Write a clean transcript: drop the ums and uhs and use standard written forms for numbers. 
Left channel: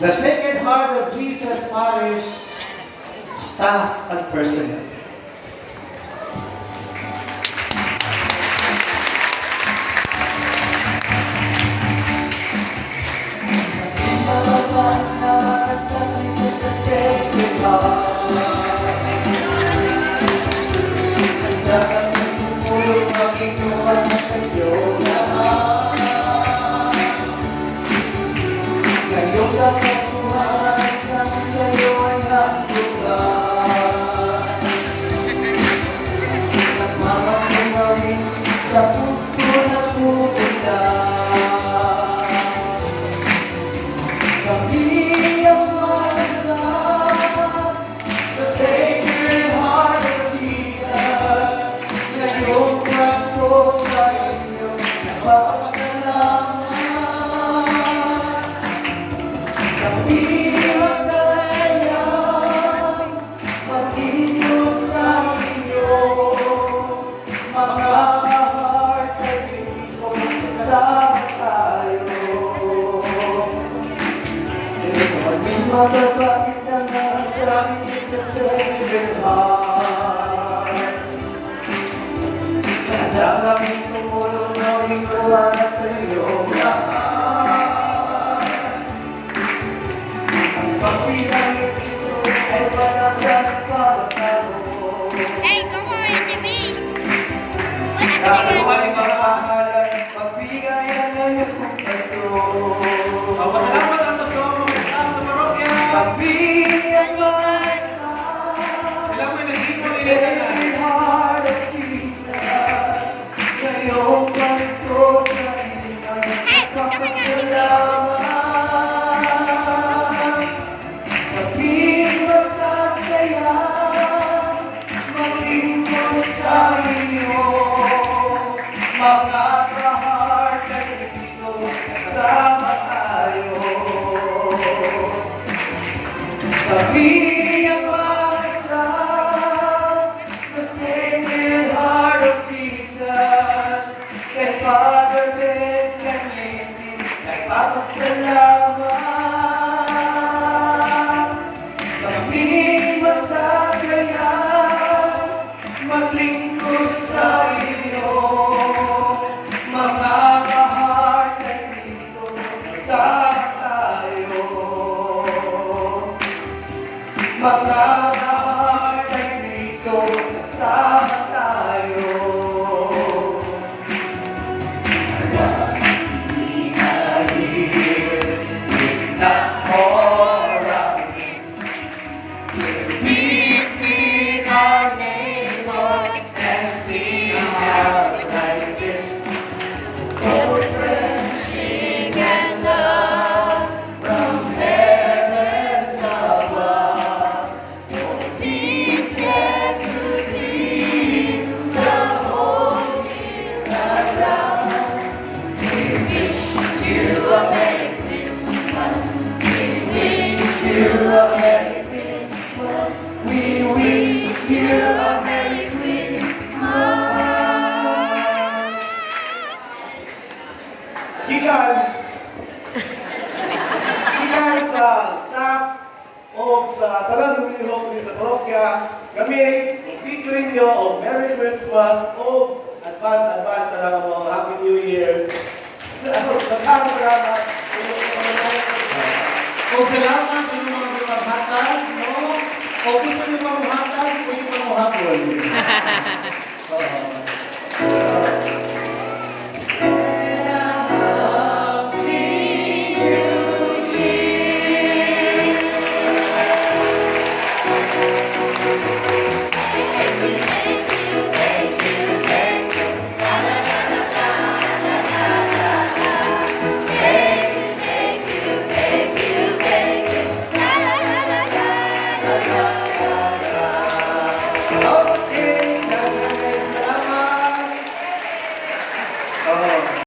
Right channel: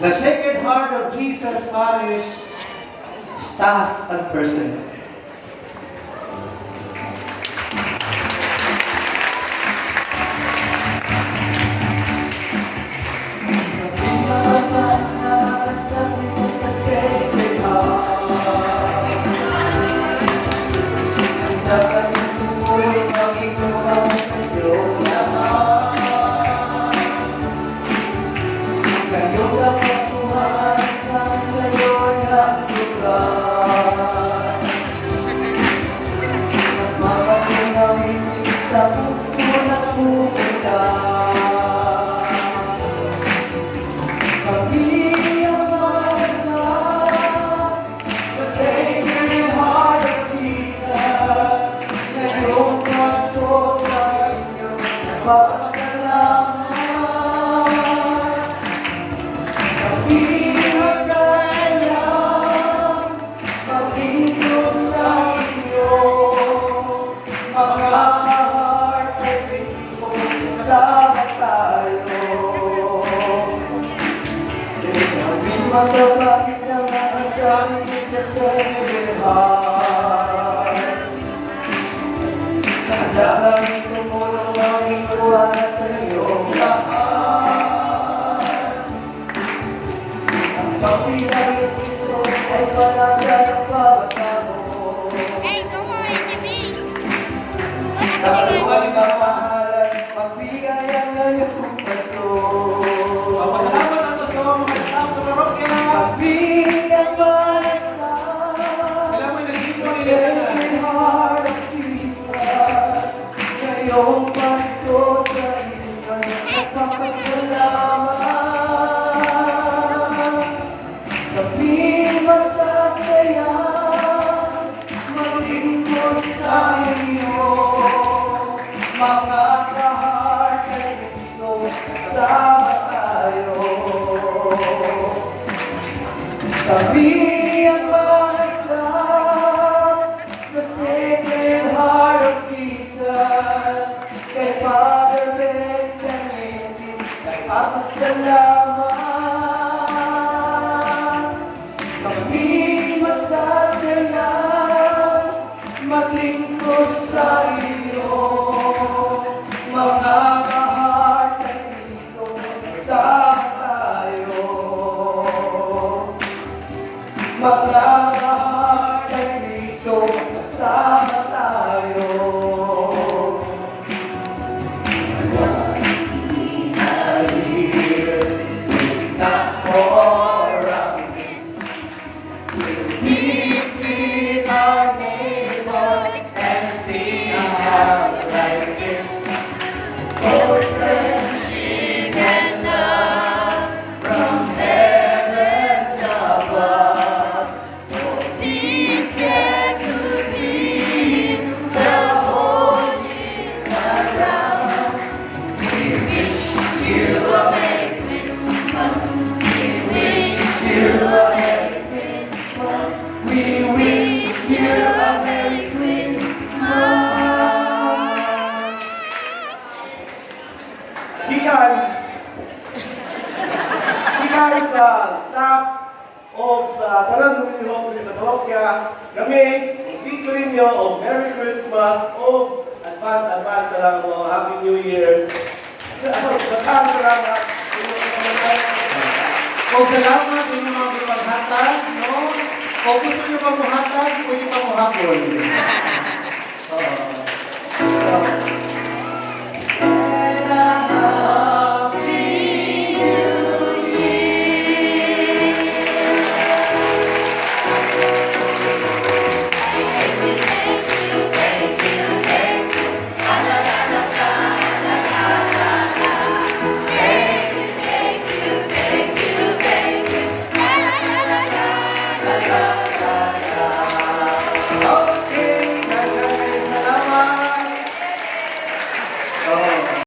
The Sacred Heart of Jesus Parish staff and personnel. Sa puso na pupunta, kami ang makasama sa Sacred Heart of Jesus. Ngayong paso sa inyo, napapasalamat. Kami masaya, maglingkod sa inyo, sama tayo. Maging matatapit ang mga sabi sa Sacred Heart. Handa kami tumulong maging tuwala sa iyong lahat. Ang pagpirang iyong piso ay panasan at pagkakaroon. Hey, come on, Jimmy. Kaluhay mamahalan, pagbigayan na iyong pasto. Salamat ang gusto mo mga staff sa parokya. Kabiyan Balikan. Sila may nag-iwan nila Sacred Heart of Jesus, ngayong pasto sa inyo ay napapasalamat. Kami masasaya, maglingkod sa inyo, mga ka-heart ng Kristo, kasama tayo. Kami ang mga staff sa Sacred Heart of Jesus, kay Father Ben Canete, nagpapasalamat. Kami masasaya, maglingkod sa inyo, mga ka-heart ng Kristo, kasama tayo. Mga ka-heart ng Kristo, kasama tayo. We wish you a Merry Christmas. Gikan sa staff o sa tanan lumilhok sa parokya, kami dito ninyo o Merry Christmas o advance sa mga Happy New Year. Salamat. Kung salamat sa inyong mga paghatag, no? Kung gusto nyo mamuhatag, pwede mamuhatol.